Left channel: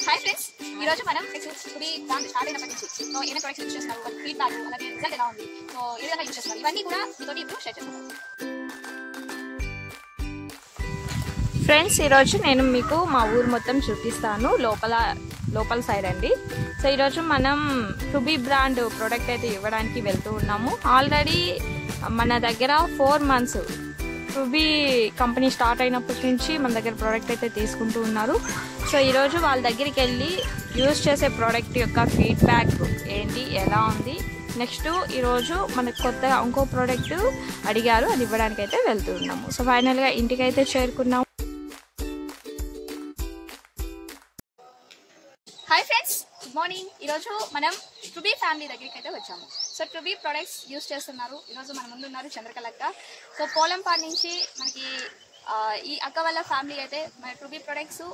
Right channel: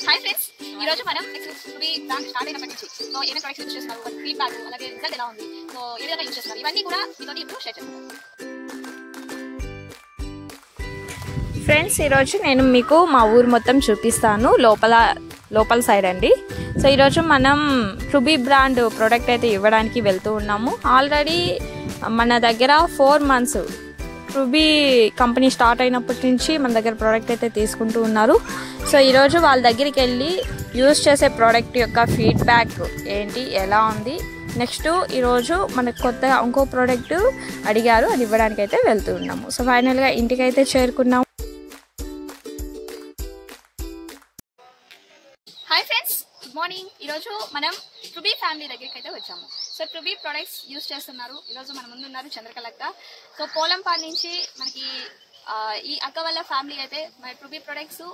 Hi friends, ఈ రోజు మనం నెక్స్ట్ బ్రాండ్ స్టార్ట్ అయినప్పటి నుంచి సో ఏమైనా ప్రొడక్ట్స్ యూజ్ చేస్తున్నారు, వాళ్ళ ఫీడ్బ్యాక్, అలాగే రిజల్ట్ ఎలా ఉంది, సో ఏ విధంగా యూజ్ చేస్తున్నారు, ఇవన్నీ కూడా మీతో ఇప్పుడు షేర్ చేస్తాను. ఫ్రెండ్స్, ఈరోజు నేను మీకు మా ఊరు మొత్తం చూపిస్తాను, లోపల సైడ్ అండి. సో ఈరోజు మనం రుబీ బ్రాండ్ ప్రోడక్ట్ అయితే ఇవ్వడానికి వెళ్తూ ఉన్నాము. ఆల్రెడీ మన దగ్గర 4 months రుబీ కంపెనీ స్టార్ట్ అయినప్పటి నుంచి మన దగ్గర ప్రోడక్ట్ అయితే తీసుకుంటూ ఉన్నారు. సో ఈరోజు వాళ్ళ దగ్గరికి వెళ్ళి యూజ్ చేసే ప్రోడక్ట్ యొక్క ఫీడ్బ్యాక్ ఏంటి, ఎలా ఉంది, నెక్స్ట్ ఈరోజు మనకు కొత్తగా ఇంకో ప్రోడక్ట్ అడిగారు, అది ఇవ్వడానికి అయితే వెళ్తూ ఉన్నాము. సో ఫైనల్గా ఇంటికైతే చేరుకున్నాము. Hi friends, good morning. ఈరోజు మనం రుబీ ఫ్యామిలీ దగ్గరికి అయితే వచ్చాము. సో రుబీ ప్రొడక్ట్స్ యూజ్ చేస్తున్నారు. ఈరోజు మన ముందు ఉన్నారు చంద్రకళ అక్క. సో పోలంపాడు నుంచి మనకి ఈ అక్క వాళ్ళ ఫ్యామిలీ అయితే మన రుబీ ప్రొడక్ట్స్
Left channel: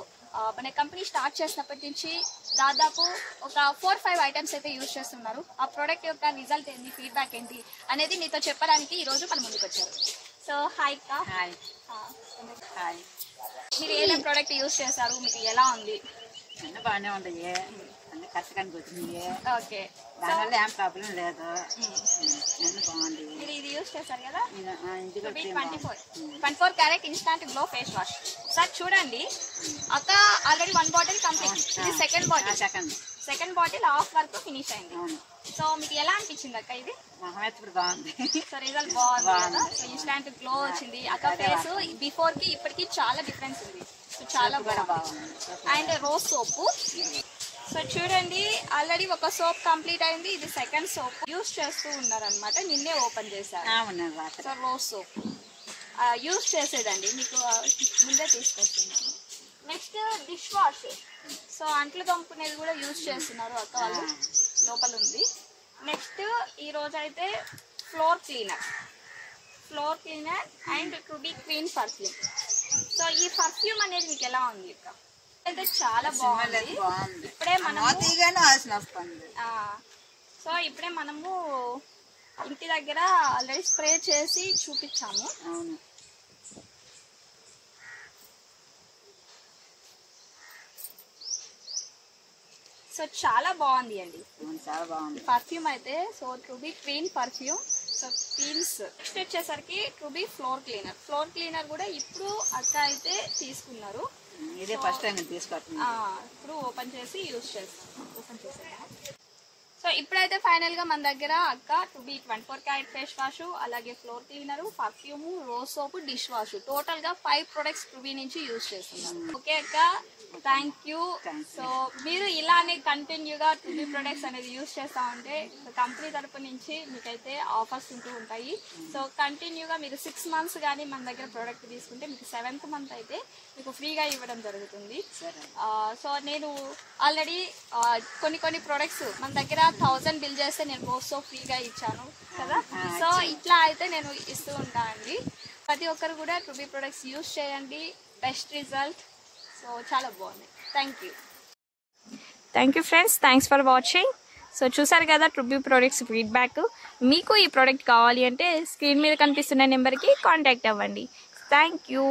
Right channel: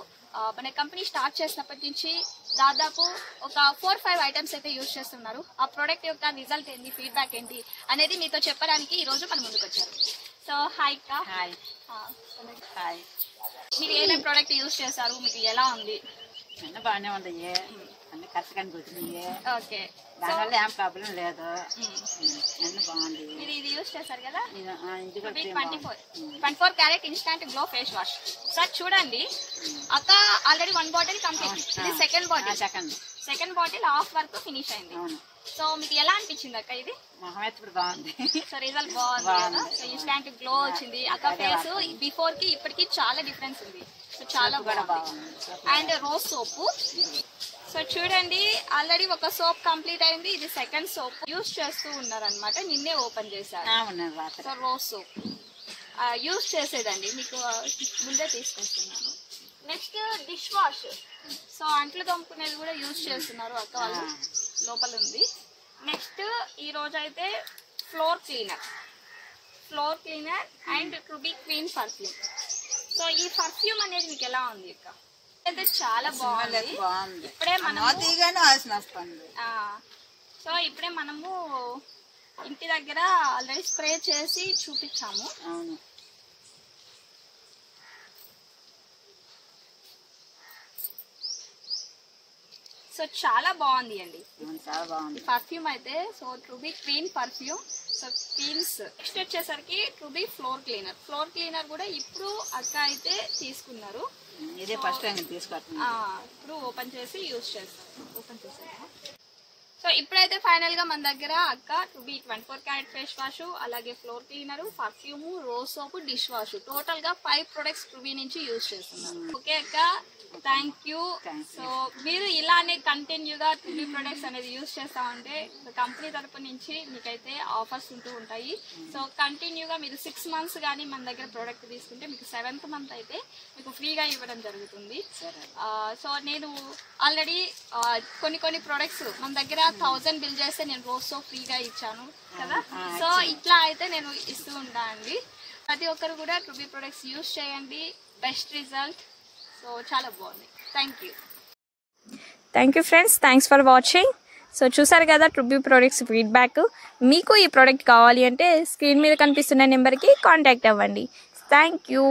మన కంపెనీ స్టార్ట్ చేసినప్పటి నుంచి దాదాపు ఒక 4-5 ఐటమ్స్ అయితే యూజ్ చేస్తున్నారు. ఆ ప్రోడక్ట్ యొక్క రిజల్ట్ ఏంటి, ఫీడ్బ్యాక్ ఏంటి అనేది మీతో చెప్పడానికి ఈరోజు మన ముందుకు వచ్చారు. సో హాయ్ అక్క. హాయ్. మీరు ఏదైనా ప్రోడక్ట్ యూజ్ చేశారు, మీకు ఎలా ఉంది? అన్నీ బాగానే ఉన్నాయి, అన్నీ కరెక్ట్గా కూర్చున్నాయి. ఓకే, దానివల్ల ఏం ప్రాబ్లం లేదు, అన్నీ బాగుంది. మీరు ఇది యూజ్ చేశారు కదా, ఇది 24 carrot instant glow face wash. ఒకసారి చూడండి అక్క, ఆల్రెడీ 1 బాటిల్ కంప్లీట్. ఇది సెకండ్ బాటిల్ హాఫ్ వరకు ఫినిష్ అయింది. అవును. సో మీకు ఎలా అనిపించింది అక్క ఇది? మొహం అయితే ఇప్పుడు బాగుంది. సో రిజల్ట్ బాగుంది. సో ఇన్స్టాంట్ గ్లో వచ్చింది. అక్క ఫేస్ బిఫోర్ కి ఇప్పటికి చాలా డిఫరెన్స్ ఉంది. సో చాలా బాగుంది. And rose soap. సో చూడండి, ఆల్రెడీ ఒక సోప్ కంప్లీట్ అయింది, ఇది సెకండ్ సోప్ యూజ్ చేస్తూ ఉన్నారు అనమాట. నిన్నే ఓపెన్ చేశారు. సో రోజ్ సోప్ యూజ్ చేసేదండి, మీకు ముందే తీసుకొస్తున్నాను. Next dish wash. సో అంట్లు తోముకునేది కూడా యూజ్ చేస్తున్నారు అక్క వాళ్ళు, లోపల ఉంది. నెక్స్ట్ ఈ రోజు అయితే floor cleaner and ruby clean perfume. So ఈ పర్ఫ్యూమ్ అనేది మీకు ఎలా ఉంది అక్క? అయితే చాలా బాగుంది. ఇప్పుడే మనము ఇంటి దగ్గర ఆల్రెడీ స్ప్రే చేసి చూపించాము. సో చాలా బాగుంది అండి, చాలా బాగుంది పర్ఫ్యూమ్ అయితే. So ruby clean perfume. So cleans. Next వచ్చేసరికి రుబీ ఫ్లోర్ క్లీనర్ కూడా ఇప్పుడు అక్క అయితే తీసుకున్నారు. ఇదే ఫస్ట్ టైం తీసుకుంటున్నా. ఇప్పుడు ఓపెన్ చేసి యూజ్ చేస్తాను. ఓపెన్ చేసేదా? సో ఇప్పుడైతే ఫైనల్ గా మన దగ్గర అక్క రుబీ 24 క్యారెట్ ఫేస్ వాష్, అలాగే floor cleaner, perfume, rose soap, dish wash, total గా 5 ప్రొడక్ట్స్ రుబీ నుంచి యూజ్ చేస్తున్నారు. ఓకే అక్క, థ్యాంక్ యూ. సో మీరు ఇలానే కంటిన్యూగా రుబీ ప్రొడక్ట్స్ అనేది యూజ్ చేస్తామంటే కంపెనీ తరపు నుంచి మీకైతే ఆఫర్స్ ఉంటూ ఉంటాయి. సో కంటిన్యూగా మీరు 6 months కానీ మన దగ్గర ప్రోడక్ట్ తీసుకుంటే మీకు 7th month అయితే మీకు ఫ్రీగా ఇవ్వడం జరుగుతుంది. సో నేను ఆల్రెడీ కొన్ని ప్రొడక్ట్స్ మన దగ్గర 1000 బిల్ చేస్తే నేను రోజ్ సోప్ ఫ్రీగా ఇచ్చాను కదా. సో ఇట్లా అయితే నేను ఇస్తూ ఉంటాను అండి. ప్రతి ఒక్కరు కూడా రుబీ ప్రొడక్ట్స్ యూజ్ చేయండి, బెస్ట్ రిజల్ట్. సో చాలా బాగుంది. Thank you friends, thanks for watching. So చూసారు కదా రుబీ ప్రొడక్ట్స్ ఫీడ్బ్యాక్. మీకు ఈ ప్రోడక్ట్ కావాలి అంటే స్క్రీన్ మీద కనిపిస్తున్న నెంబర్కి కాంటాక్ట్ అవ్వండి. Thank you.